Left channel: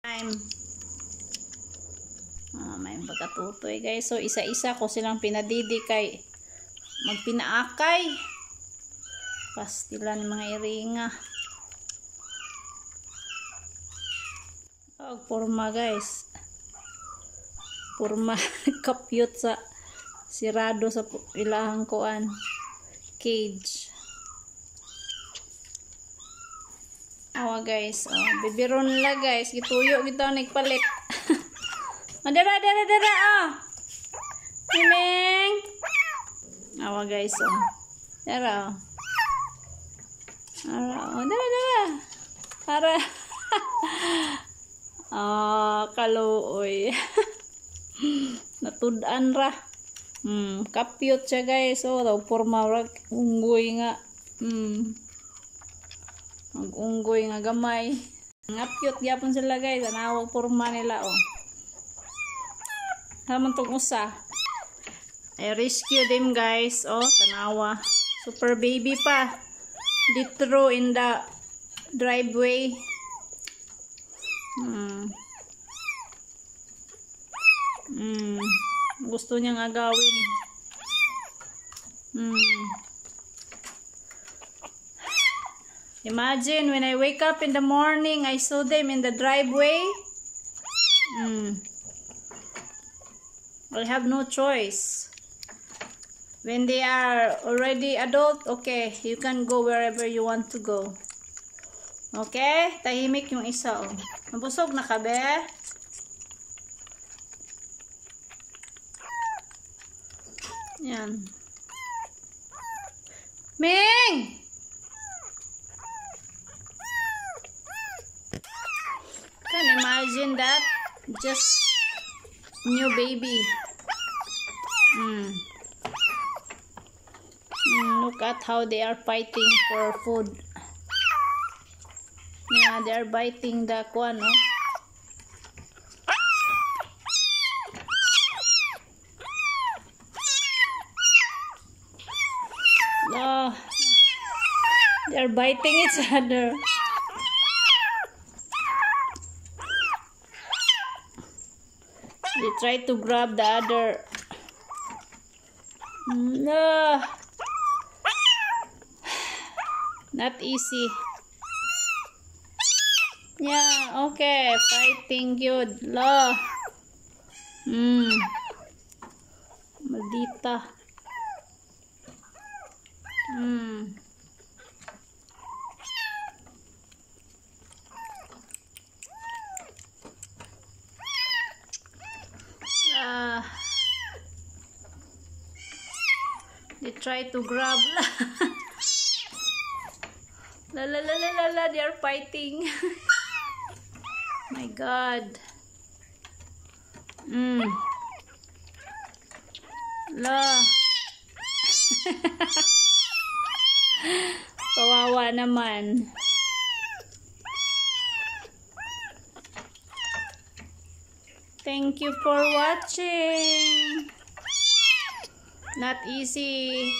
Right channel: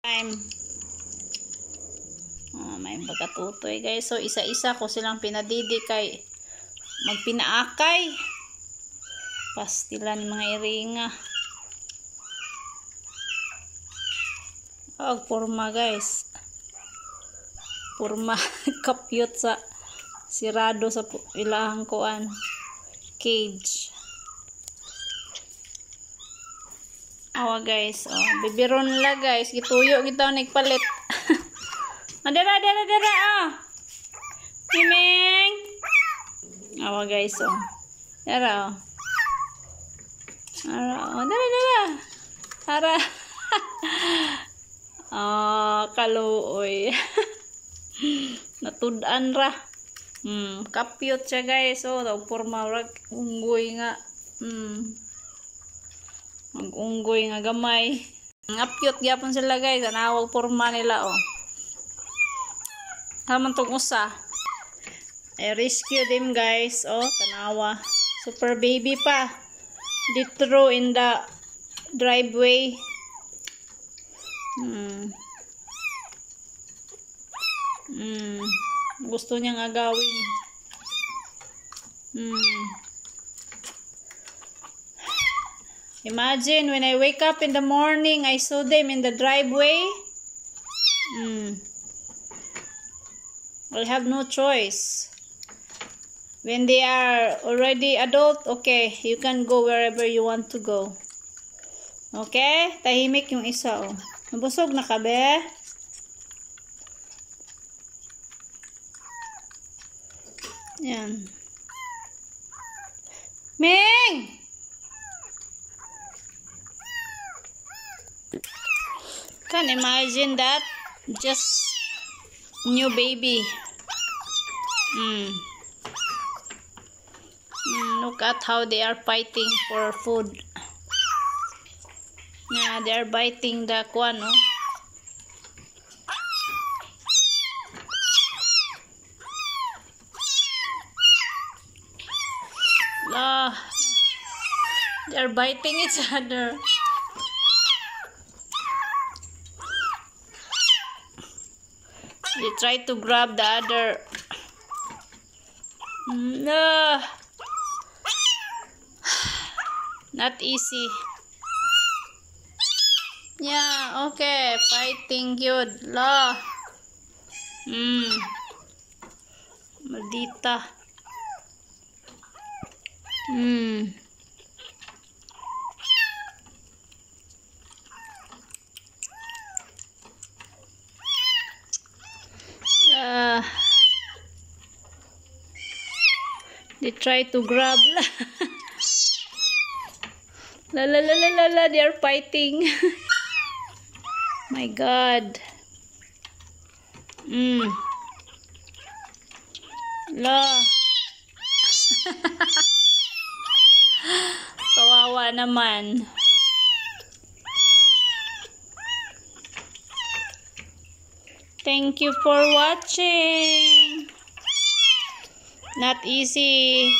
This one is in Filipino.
Time. May pagkatutoy guys. So isa-isa ko silang pinadidi kay magpinaakay. Pastilan mga iringa. Purma guys. Purma kapyot sa sirado sa ilahang kuan cage. Awa guys, bibiron la guys, gituyo kita nagpalit. Dara Mimeng. Awa guys, dara dara kaluoy. Natudan ra. Kapyot siya guys. Purma rag unggoy nga. Mag-unggoy nga gamay. Ngapyot gyapon sila guys. Anawag purma nila Haman tong usa. I rescue them guys. Tanawa. Super baby pa. Ditro in the driveway. Gusto niyang agawin. Imagine when I wake up in the morning, I saw them in the driveway. I'll have no choice. When they are already adult, okay, you can go wherever you want to go. Okay? Tahimik yung isa, Nabusog na ka, be? Yan. Ming! Can imagine that? Just new baby. Look at how they are fighting for food. Yeah, they are biting the kwan, They are biting each other. They try to grab the other. No. Not easy. Yeah, okay. Fighting good. Maldita. They try to grab. They are fighting. My God. Kawawa naman. Thank you for watching. Not easy.